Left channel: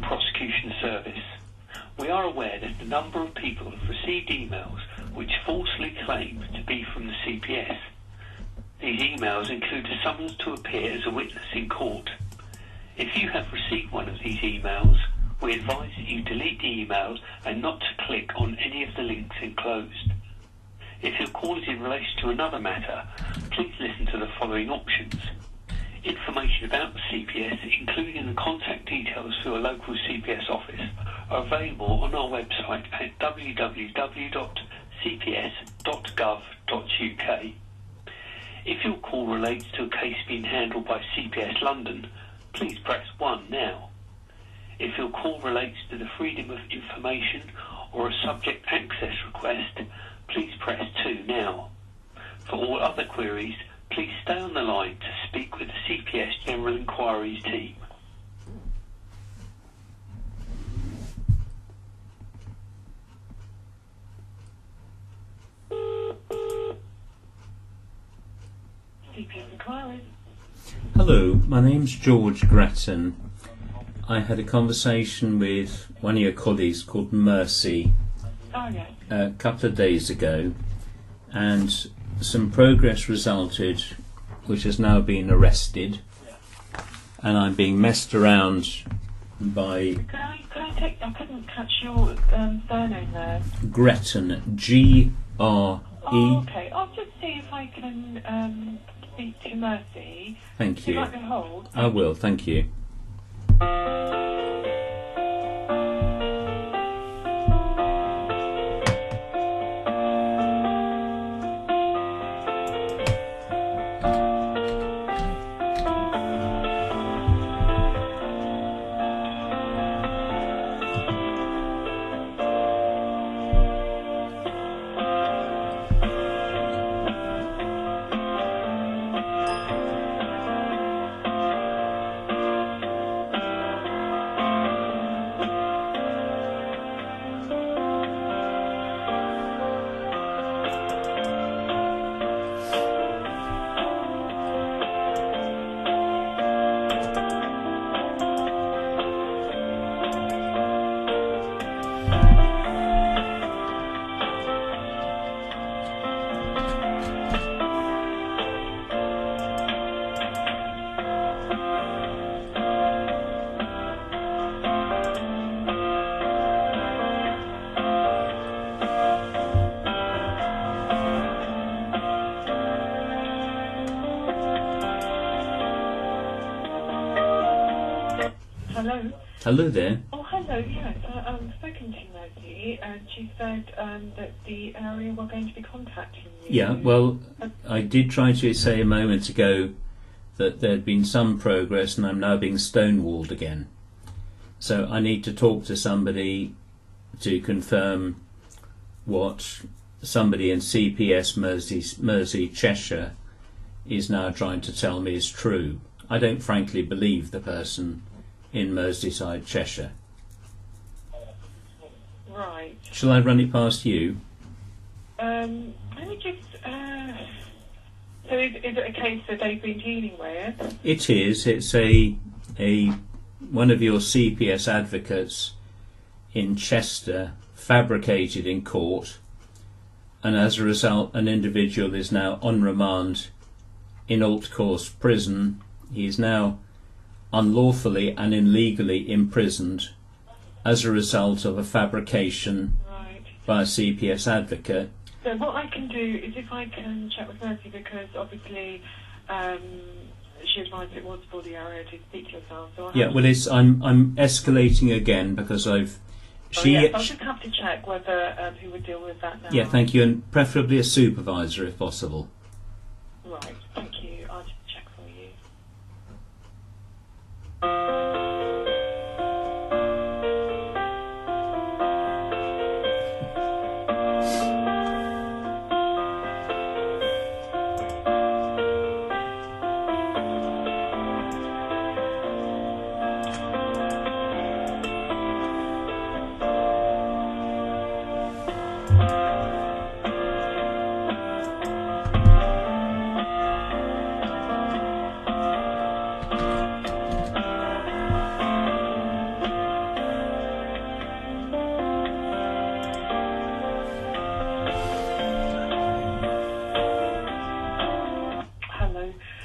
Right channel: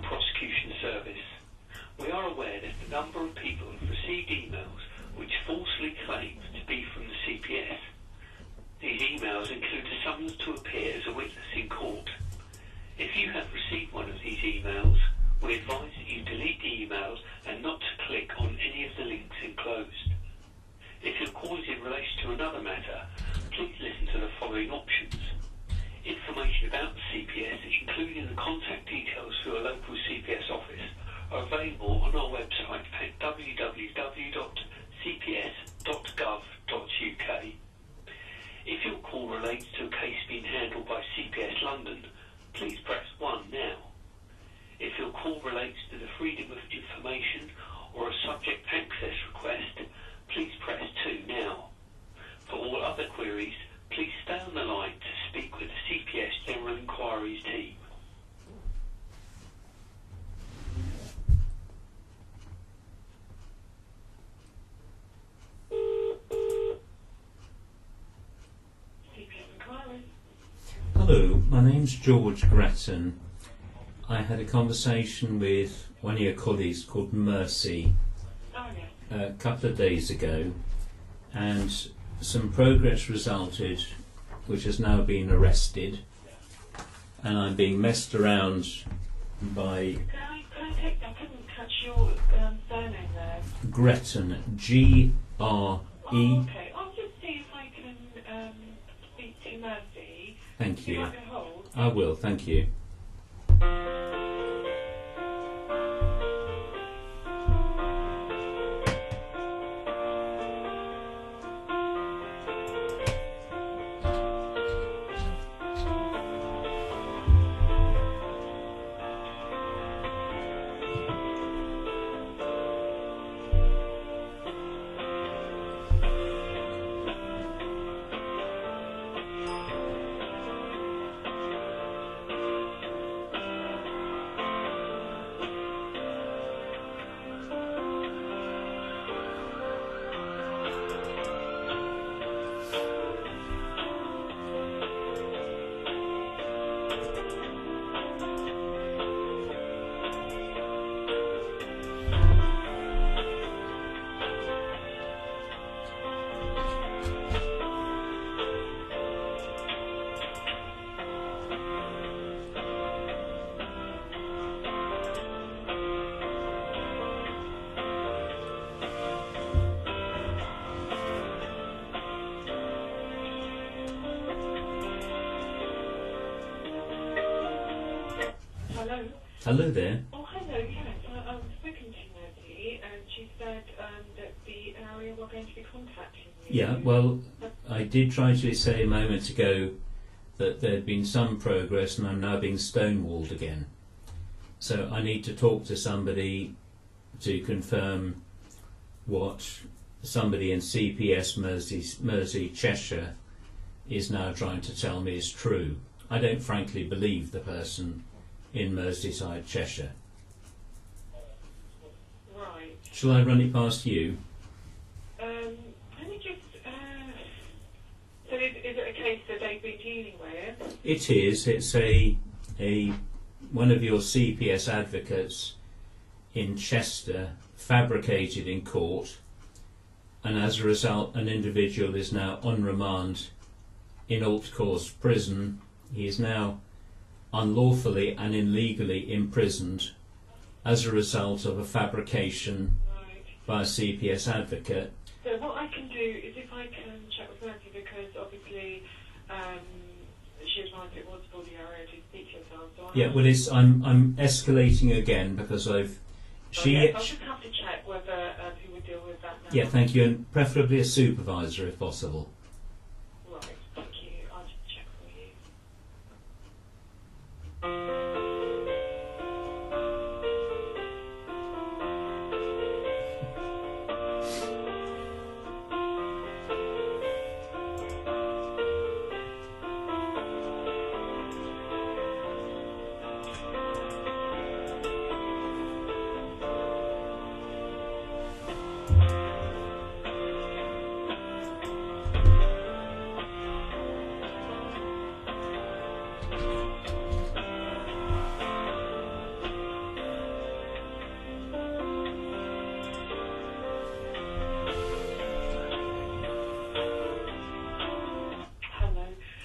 Prosecution Service. We are aware that a number of people have received emails which falsely claim to be from the CPS. These emails include a summons to appear as a witness in court. If you have received one of these emails, we advise that you delete the emails and not to click on any of the links enclosed. If your call is in relation to another matter, please listen to the following options. Information about the CPS, including the contact details for a local CPS office, are available on our website at www.cps.gov.uk. If your call relates to a case being handled by CPS London, please press 1 now. If your call relates to the freedom of information or a subject access request, please press 2 now. For all other queries, please stay on the line to speak with the CPS General Inquiries team. CPS Inquiries. Hello, my name's George Gretton. I had a conversation with one of your colleagues called Mercy a couple of days ago, and some progress resulted, which has now been arrested, and I'm being messed around by... Can I take... I couldn't catch your surname there. Gretton, G-R-E... Oh, okay. I'll just see if I can speak to Mercy. Thank you. Would you like me to hold? I will, thank you. Hello? Hello there. Oh, hello, yes. I've spoken to Mercy, and she said that the area were going to be contacting you. Yeah, well, I did try to say a moment ago that there'd been some progress and I'm now being stonewalled again. So I need to talk to somebody to confirm what somebody in CPS Mersey, Cheshire is now trying to tell me is true. I don't frankly believe the person in Merseyside, Cheshire. Right. Shall I run it past you? Let me just... so is it a case that they've been dealing with? It is. It's one of your CPS advocates in Chester fabricated in court, and as a result an individual is now on remand in Altcourse prison. He is now unlawfully and illegally imprisoned as a result of a fabrication by a CPS advocate. So what I can do is, if I can check with Mercy, because obviously she advised it was for the area to speak to yourself. So I'm escalating again because I've... I'll just have to check whether who would deal with that now. Yeah, thank you, and preferably a supervisor if possible. Right, thank you. I'll just check for you.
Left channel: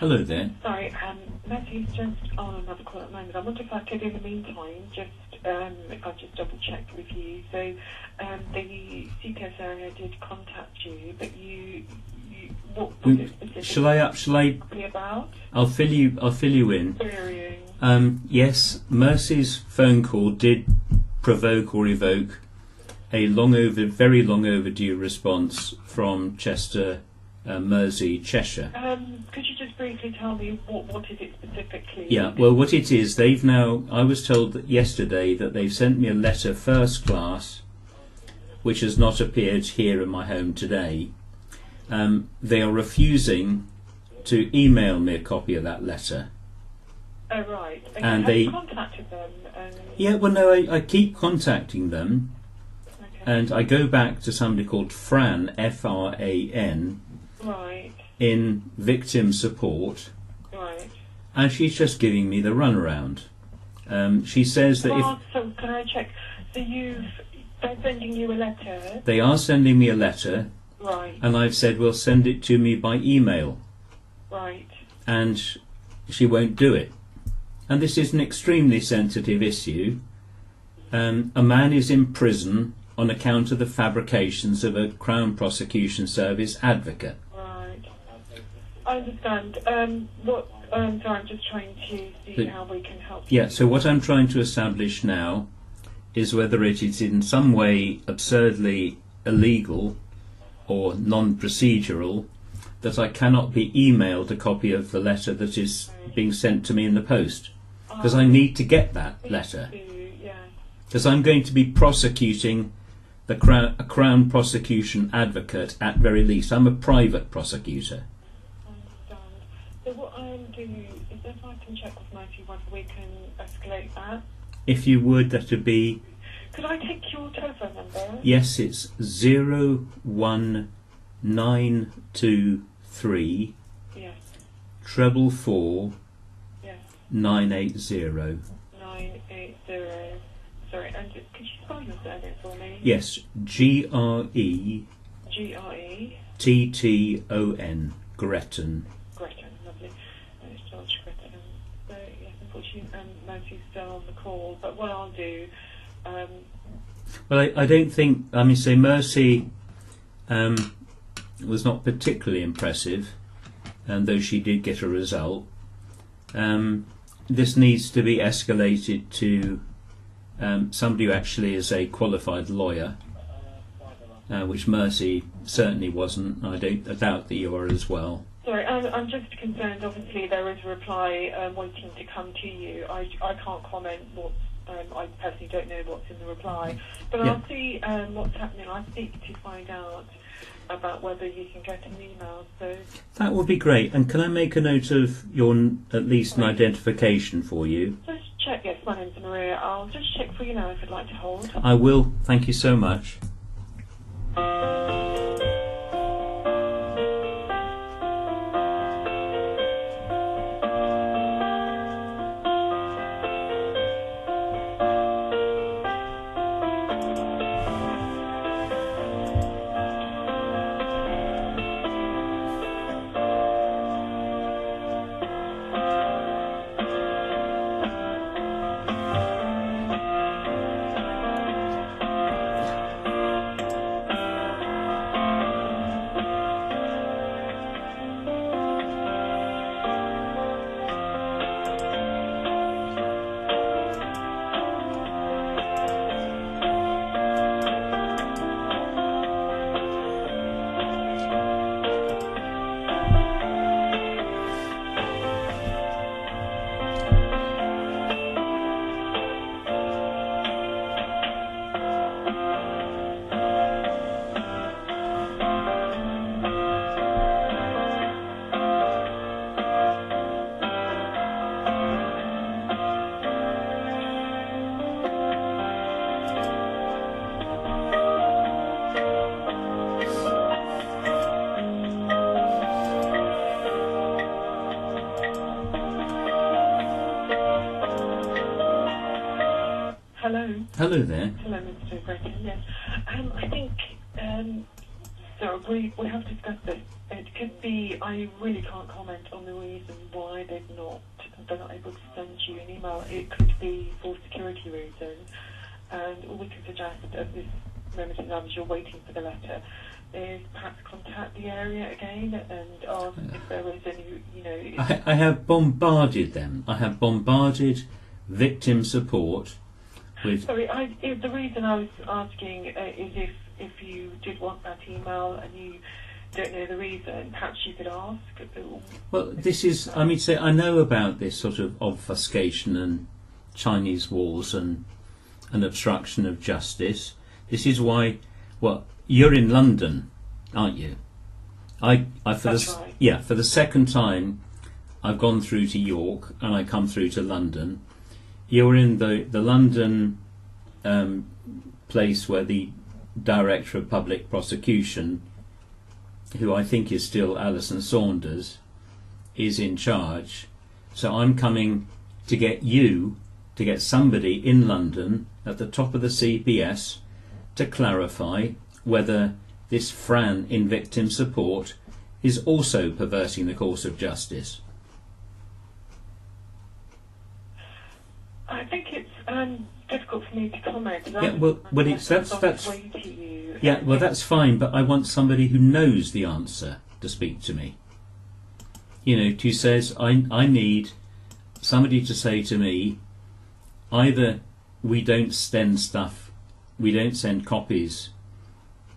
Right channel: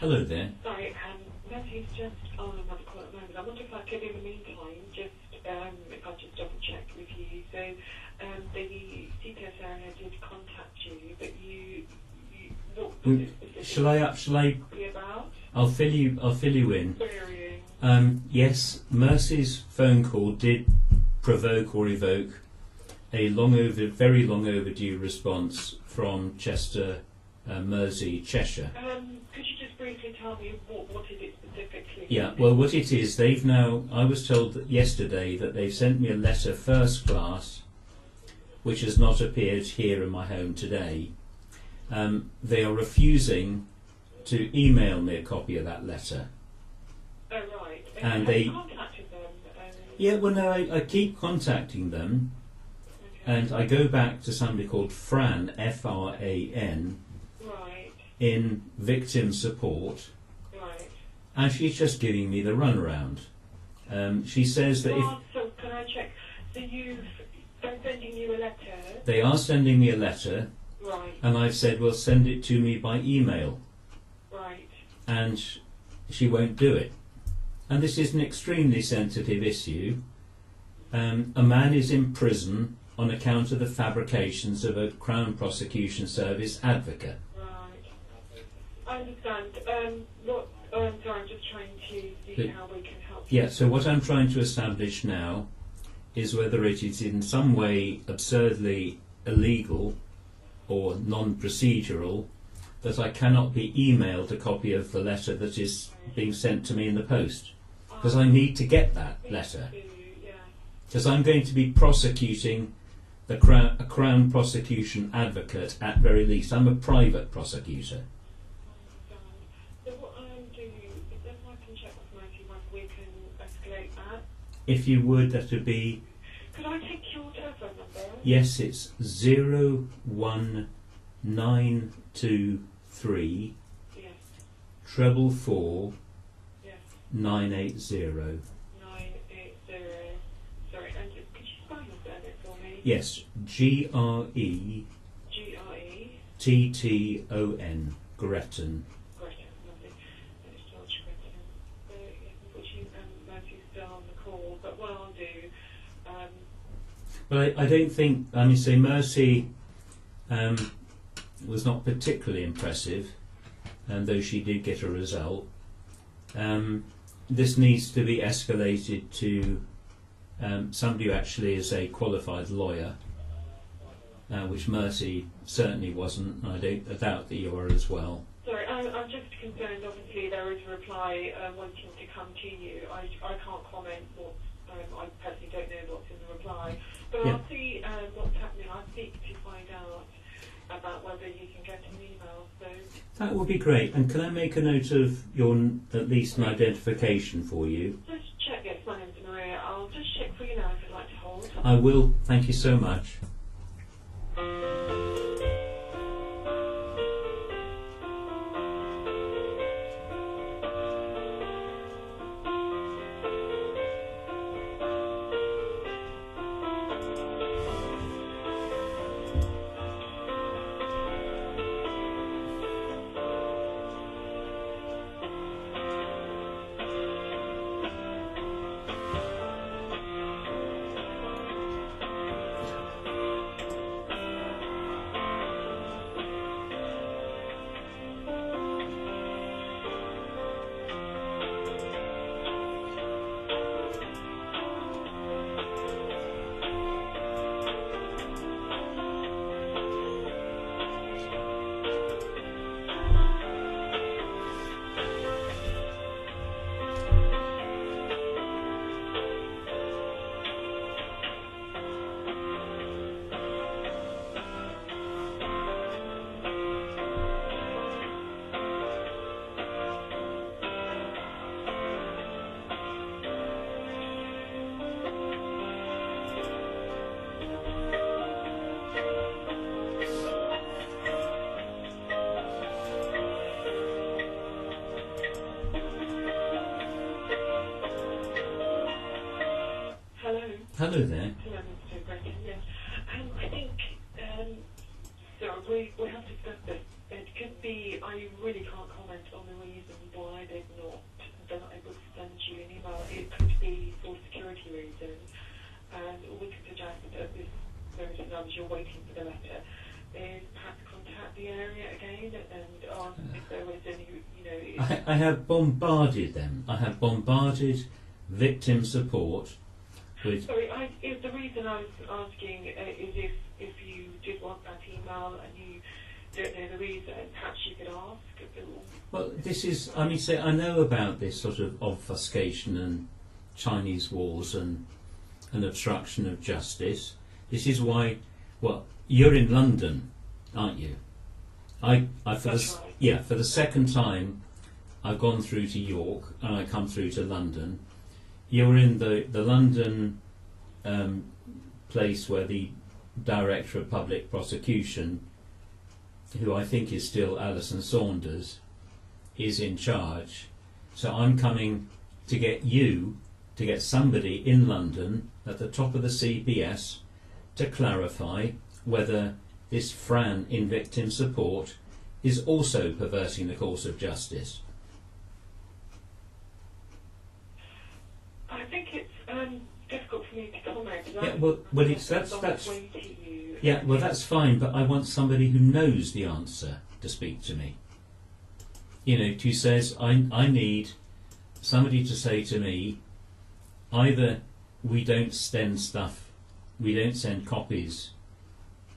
Hello there. Sorry, Matthew's just on another call at the moment. I wonder if I could, in the meantime, I'll just double check with you. So, the CPS area did contact you, but what was it specifically Shall I? About? I'll fill you in. Querying. Yes, Mercy's phone call did provoke or evoke a very long overdue response from Chester, Mersey, Cheshire. Could you just briefly tell me what is it specifically? Yeah, well, what it is, I was told yesterday that they've sent me a letter first class, which has not appeared here in my home today. They are refusing to email me a copy of that letter. Oh, right. And have you contacted them? Yeah, well, no, I keep contacting them. Okay. And I go back to somebody called Fran, F-R-A-N, Right. in victim support, Right. and she's just giving me the runaround. She says that So can I check? So they're sending you a letter? they are sending me a letter, Right. and I've said, well, send it to me by email. Right. And she won't do it. And this is an extremely sensitive issue. A man is in prison on account of the fabrications of a Crown Prosecution Service advocate. Right. I understand. So I'm just trying to see how we can help you. Yeah, so what I'm trying to establish now is whether it is in some way absurdly illegal or non-procedural that I cannot be emailed a copy of the letter that is being sent to me in the post. Because I need to get that letter. Because I'm going to be prosecuting a Crown Prosecution advocate at very least. I'm a private prosecutor. I understand. So what I'll do is, if I can check with Matthew whether we can escalate that. If you would, that would be... Could I take your telephone number? Yes, it's 01923 Yes. 444 Yes. 980. 980. Sorry, and could you spell your surname for me? Yes, G-R-E G-R-E. T-T-O-N, Gretton. Gretton, lovely. It's George Gretton. So, yes, unfortunately, Matthew's still on the call, but what I'll do... Well, I don't think... I mean, say Mercy was not particularly impressive, though she did get a result. This needs to be escalated to somebody who actually is a qualified lawyer, which Mercy certainly wasn't. I doubt that you are as well. Sorry, I'm just concerned. Obviously, there is a reply waiting to come to you. I can't comment what's... I personally don't know what's in the reply, but I'll see what's happening. I'll seek to find out about whether you can get an email. So that would be great. And can I make a note of your at least an identification for you? just check. Yes, my name's Maria. I'll just check for you now if you'd like to hold. I will. Thank you so much. Hello there. Hello, Mr. Breton. Yes, I think so. We have discussed this. It could be. I really can't comment on the reason why they're not able to send you an email. It could be for security reasons, and all we can suggest at this moment in time, as you're waiting for the letter, is perhaps contact the area again and ask if there was any. I have bombarded them. I have bombarded victim support. Sorry, the reason I was asking is if you did want that email and you don't know the reason, perhaps you could ask. Well, this is, I mean, I know about this sort of obfuscation and Chinese walls and obstruction of justice. This is why, well, you're in London, aren't you? That's right. For the second time, I've gone through to York and I come through to London. You're in the London place where the Director of Public Prosecution, who I think is still Alison Saunders, is in charge. So I'm coming to get somebody in London at the top of the CPS to clarify whether this Fran in victim support is also perverting the course of justice. I think it's difficult for me to comment. That's fine, but I want somebody who knows the answer to speak to me. Who says, I need somebody to say to me, either we don't send copies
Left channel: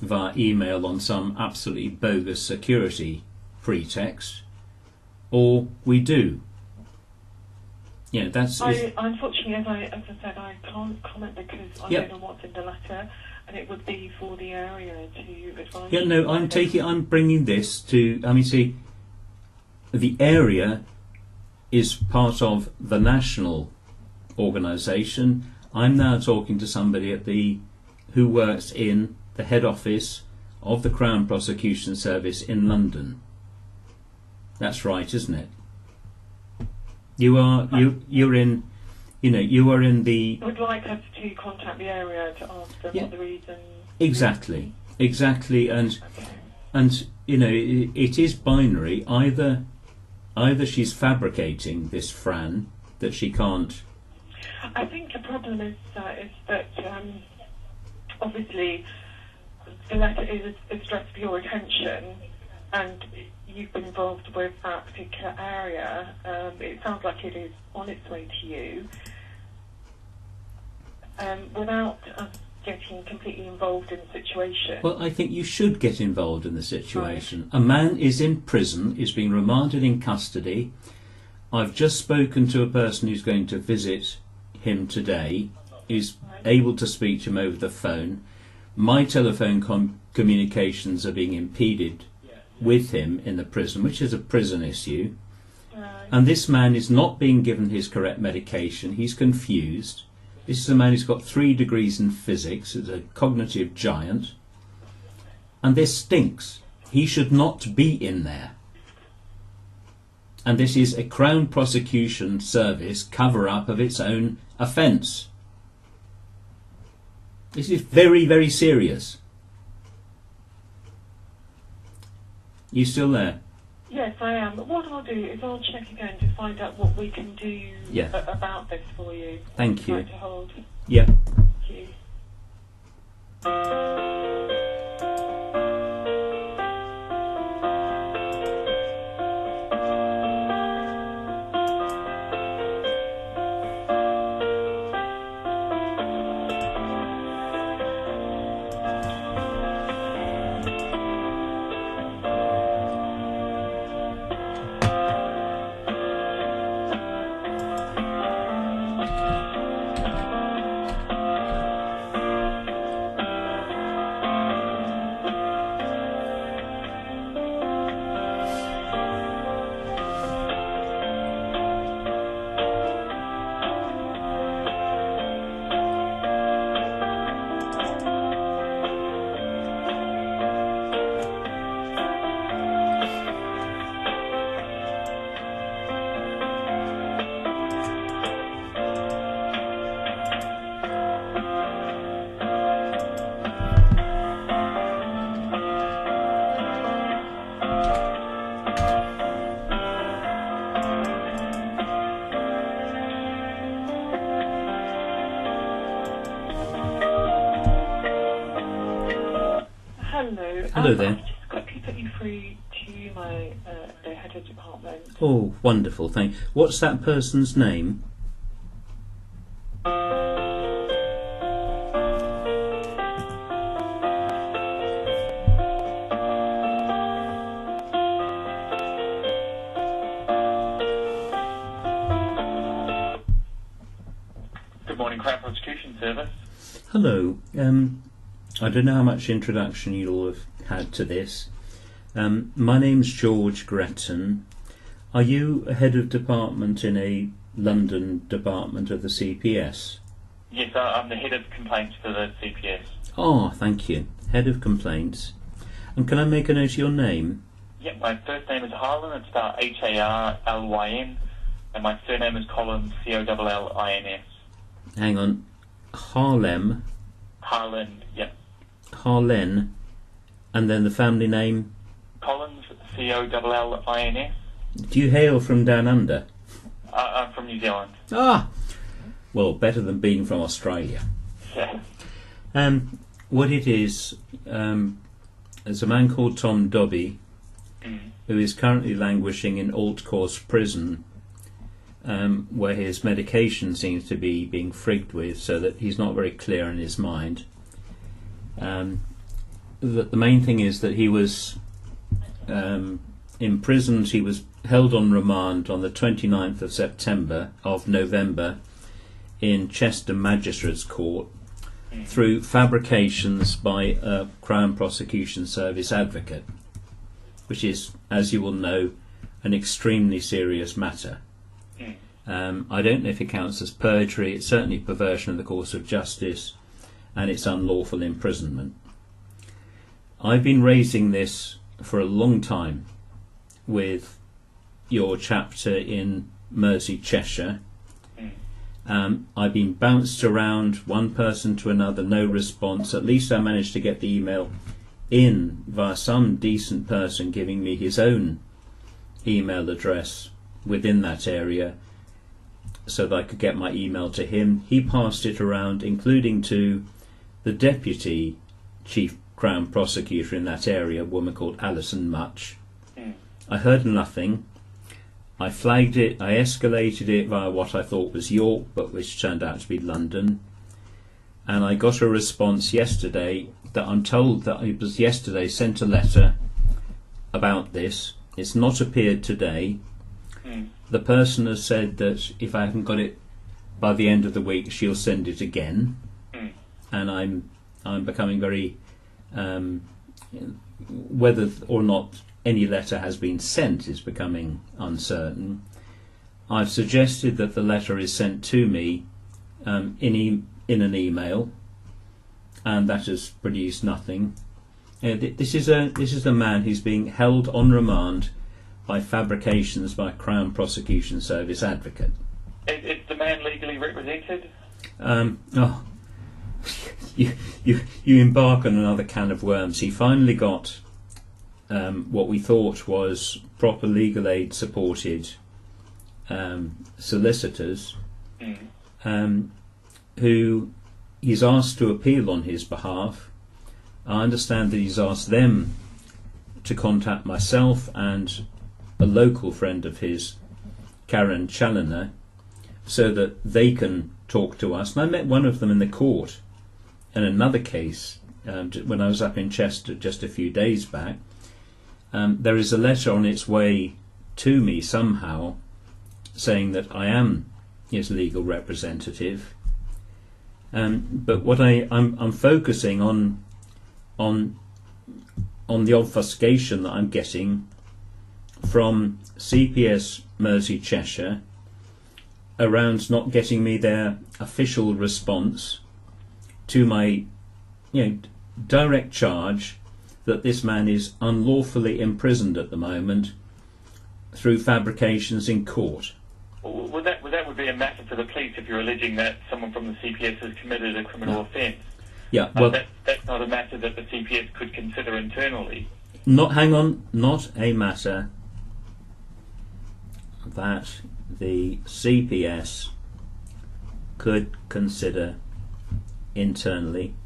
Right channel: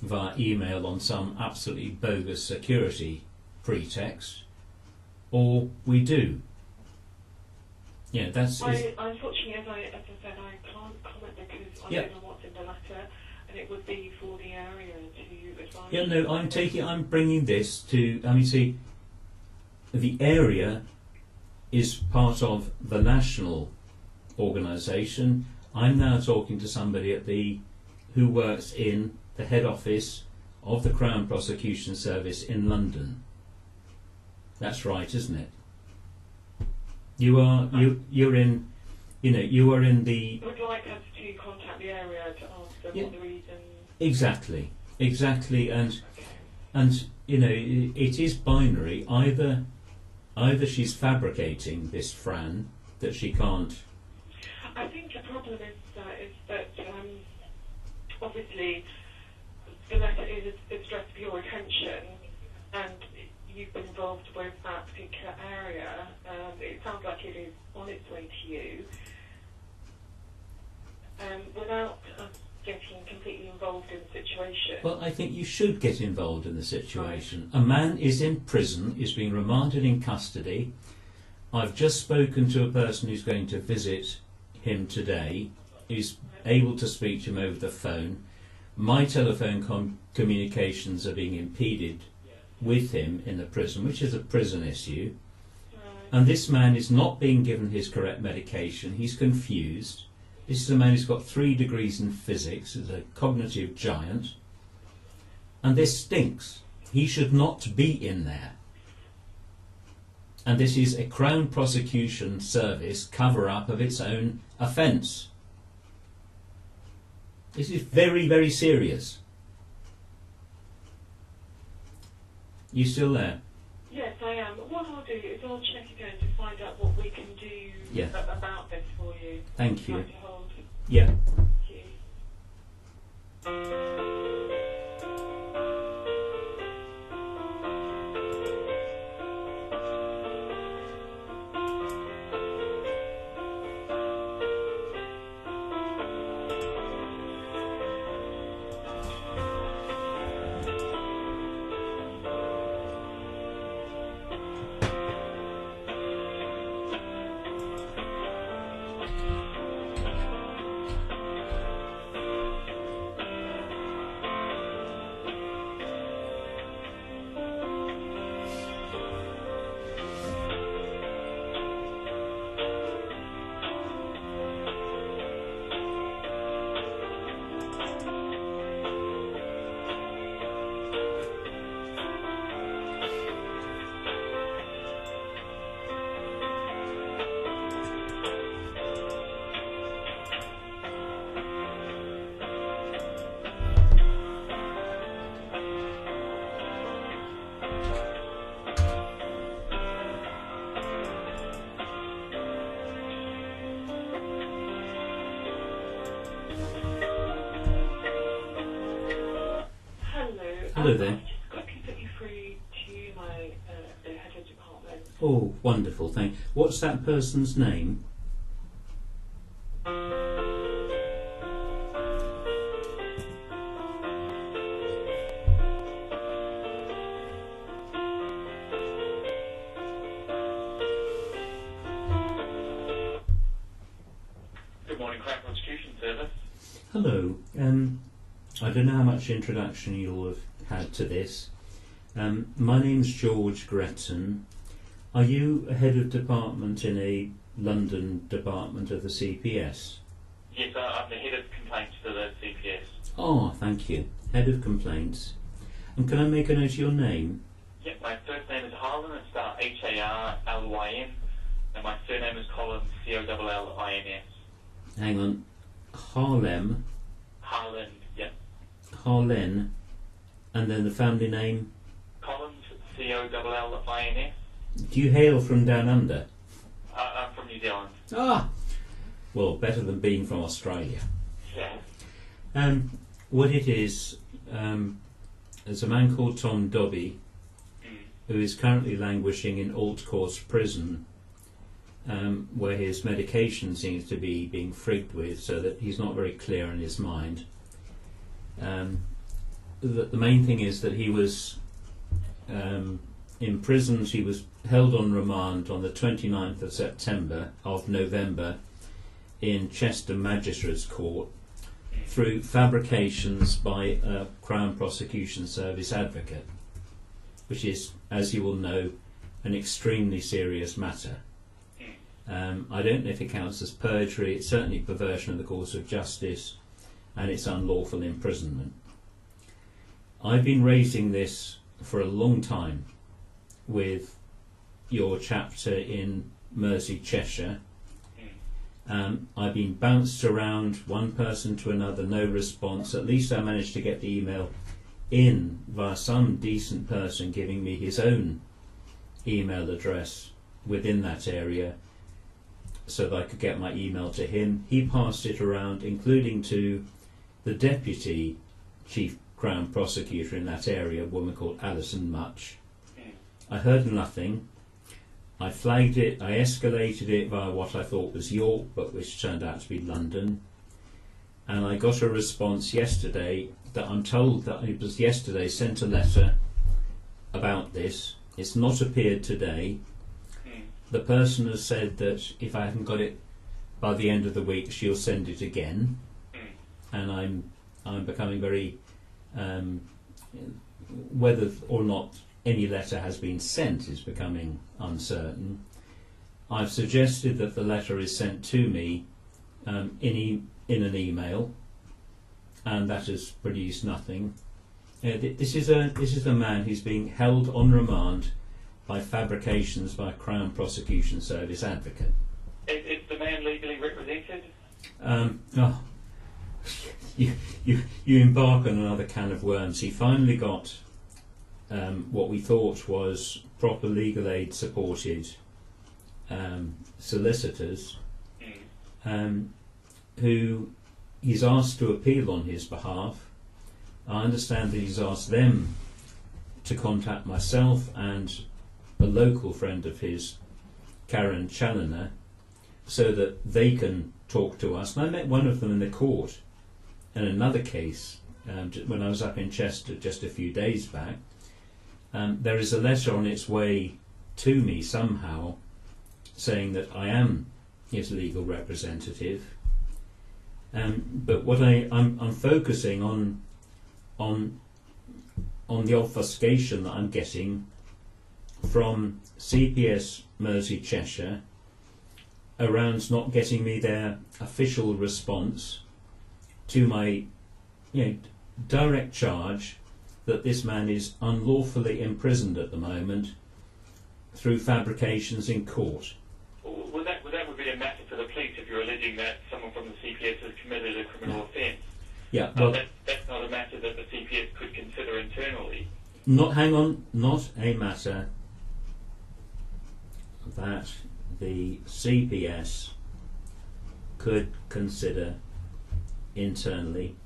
via email on some absolutely bogus security pretext, or we do. Unfortunately, as I said, I can't comment because I don't know what's in the letter, and it would be for the area to advise. I'm bringing this to. I mean, see, the area is part of the national organisation. I'm now talking to somebody who works in the head office of the Crown Prosecution Service in London. That's right, isn't it? You are in the. I would like us to contact the area to ask them what the reason. Exactly, and it is binary. Either she's fabricating this Fran that she can't. I think the problem is that obviously the letter is addressed for your attention, and you've been involved with that particular area. It sounds like it is on its way to you. Without us getting completely involved in the situation. Well, I think you should get involved in the situation. Right. A man is in prison, is being remanded in custody. I've just spoken to a person who's going to visit him today, who's able to speak to him over the phone. my telephone communications are being impeded with him in the prison, which is a prison issue. And this man is not being given his correct medication. He's confused. This is a man who's got 3 degrees in physics, is a cognitive giant. And this stinks. He should not be in there. And this is a Crown Prosecution Service cover-up of its own offence. This is very, very serious. You still there? Yes, I am. But what I'll do is I'll check again to find out what we can do about this for you. Thank you. Try to hold. Yeah. Thank you. Hello there. I'll just quickly put you through to my the head of department. Oh, wonderful, thank you. What's that person's name? Good morning, Crown Prosecution Service. Hello. I don't know how much introduction you'll have had to this. My name's George Gretton. Are you a head of department in a London department of the CPS? Yes, I'm the head of complaints for the CPS. Oh, thank you. Head of complaints. And can I make a note of your name? Yep, my first name is Harlyn, it's spelled Harlyn, and my surname is Collins, Collins. Hang on. Harlem. Harlyn, yep. Harlyn. And then the family name? Collins, Collins. Do you hail from down under? I'm from New Zealand. Ah! Well, better than being from Australia. Yeah. What it is, there's a man called Tom Dobbie who is currently languishing in Altcourse prison, where his medication seems to be being frigged with, so that he's not very clear in his mind. The main thing is that he was imprisoned. He was held on remand on the 29th of November in Chester Magistrates Court through fabrications by a Crown Prosecution Service advocate, which is, as you will know, an extremely serious matter. I don't know if it counts as perjury. It's certainly perversion of the course of justice, and it's unlawful imprisonment. I've been raising this for a long time with your chapter in Mersey, Cheshire. I've been bounced around one person to another, no response. At least I managed to get the email in via some decent person giving me his own email address within that area so that I could get my email to him. He passed it around, including to the Deputy Chief Crown Prosecutor in that area, a woman called Alison Much. I heard nothing. I flagged it, I escalated it via what I thought was York, but which turned out to be London. And I got a response yesterday that I'm told that it was yesterday sent a letter about this. It's not appeared today. The person has said that if I haven't got it by the end of the week, she'll send it again. And I'm becoming very Whether or not any letter has been sent is becoming uncertain. I've suggested that the letter is sent to me in an email, and that has produced nothing. This is a man who's being held on remand by fabrications by Crown Prosecution Service advocate. Is the man legally represented? You embark on another can of worms. He finally got what we thought was proper legal aid supported solicitors, who he's asked to appeal on his behalf. I understand that he's asked them to contact myself and a local friend of his, Karen Challoner, so that they can talk to us. And I met one of them in the court in another case when I was up in Chester just a few days back. There is a letter on its way to me somehow saying that I am his legal representative. But what I'm focusing on the obfuscation that I'm getting from CPS Mersey Cheshire around not getting me their official response to my direct charge that this man is unlawfully imprisoned at the moment through fabrications in court. Well, that would be a matter for the police if you're alleging that someone from the CPS has committed a criminal offence. Yeah, well, that's not a matter that the CPS could consider internally. Not a matter that the CPS could consider internally.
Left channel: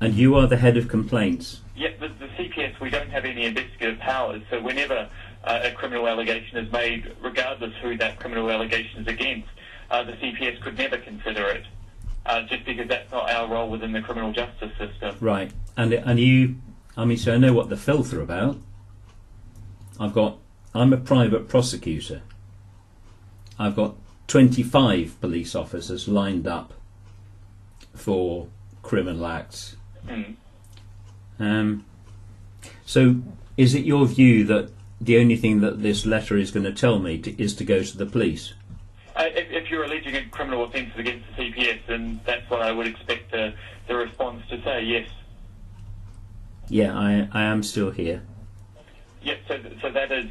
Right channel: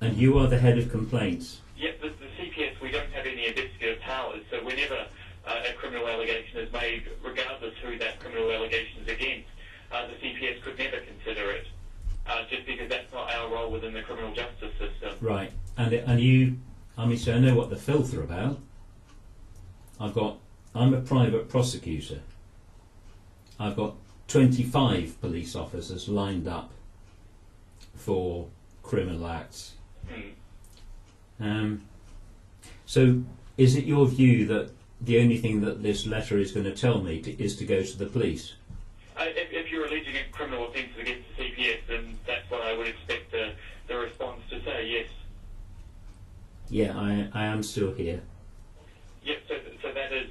And you are the head of complaints. Yeah, the CPS, we don't have any investigative powers, so whenever a criminal allegation is made, regardless who that criminal allegation is against, the CPS could never consider it, just because that's not our role within the criminal justice system. Right, and you, so I know what the Filth are about. I'm a private prosecutor. I've got 25 police officers lined up for criminal acts. So is it your view that the only thing that this letter is going to tell me is to go to the police? If you're alleging criminal offences against the CPS, then that's what I would expect the response to say, yes. Yeah, I am still here. Yep, so that is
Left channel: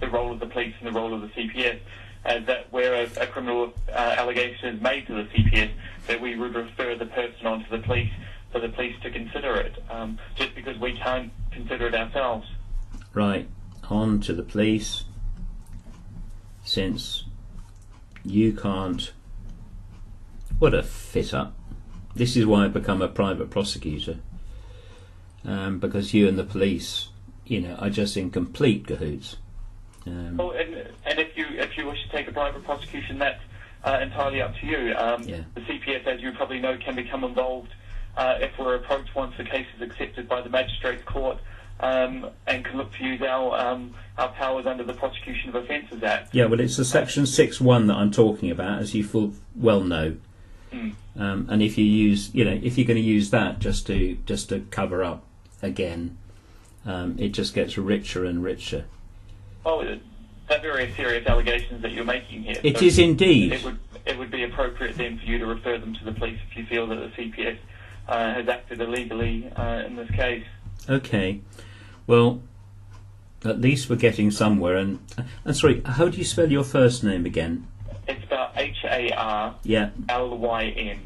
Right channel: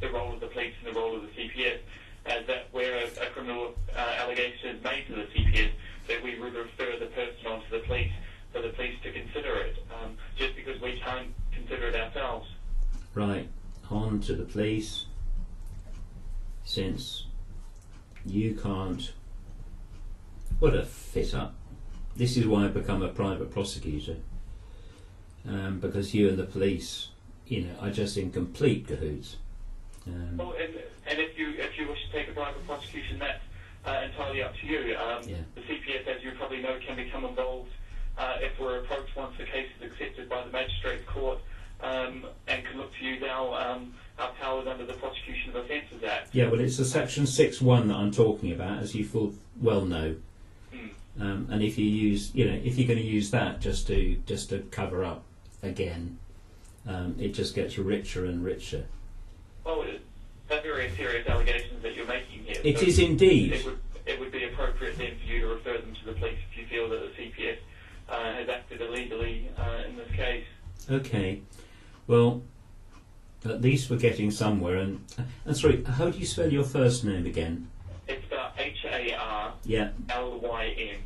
the role of the police and the role of the CPS, that where a criminal allegation is made to the CPS, that we would refer the person onto the police for the police to consider it, just because we can't consider it ourselves. Right, on to the police, since you can't. What a fit up. This is why I've become a private prosecutor, because you and the police, are just in complete cahoots. And if you wish to take a private prosecution, that's entirely up to you. The CPS, as you probably know, can become involved if we're approached once the case is accepted by the Magistrates Court, and can look to use our powers under the Prosecution of Offences Act. Yeah, well, it's the Section 6.1 that I'm talking about, as you full well know. And if you use, if you're going to use that just to cover up again, it just gets richer and richer. Well, they're very serious allegations that you're making here. It is indeed. It would be appropriate then for you to refer them to the police if you feel that the CPS has acted illegally in this case. Okay. Well, at least we're getting somewhere. And sorry, how do you spell your first name again? It's spelled Harlyn. Yeah. Lyn.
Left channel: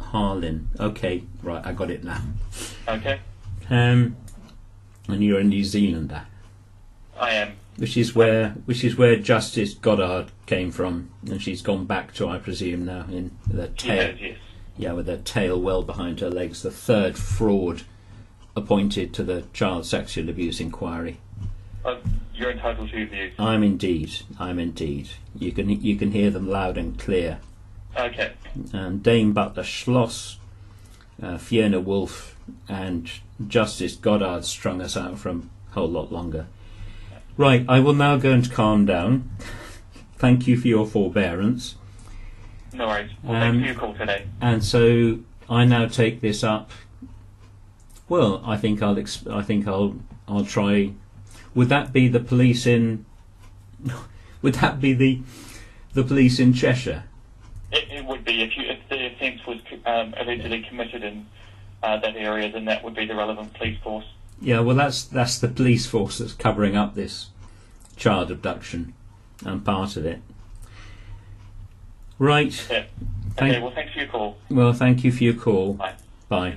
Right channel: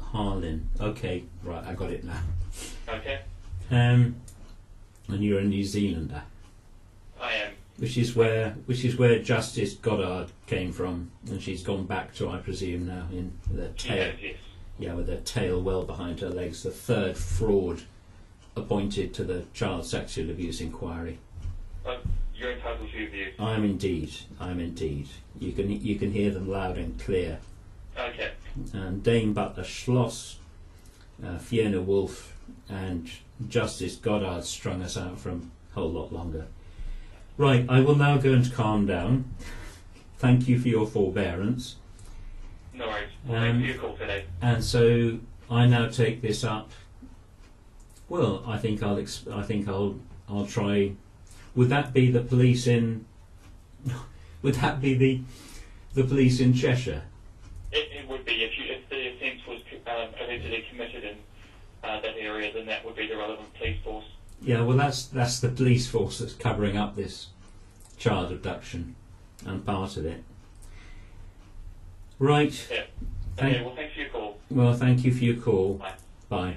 Harlyn. Okay, right, I got it now. Okay. And you're a New Zealander. I am. Which is where Justice Goddard came from, and she's gone back to, I presume, now in the tail. Yes. Yeah, with her tail well behind her legs. The third fraud appointed to the child sexual abuse inquiry. You're entitled to your views. I'm indeed. You can hear them loud and clear. Okay. And Dame Butler Schloss, Fiona Wolf, and Justice Goddard strung us out for a whole lot longer. Right, I will now go and calm down. Thank you for your forbearance. No worries. Well, thanks for your call today. And so I now take this up Well, I think I'll try. Would that be the police in? Would that be the police in Cheshire? It would be if the offence was allegedly committed in that area, then that would be the relevant police force. Yeah, well, that's the police force that's covering up this child abduction. I'm part of it. Right. Yeah. Okay. Well, thanks for your call. Well, thank you for your call. Bye. Bye.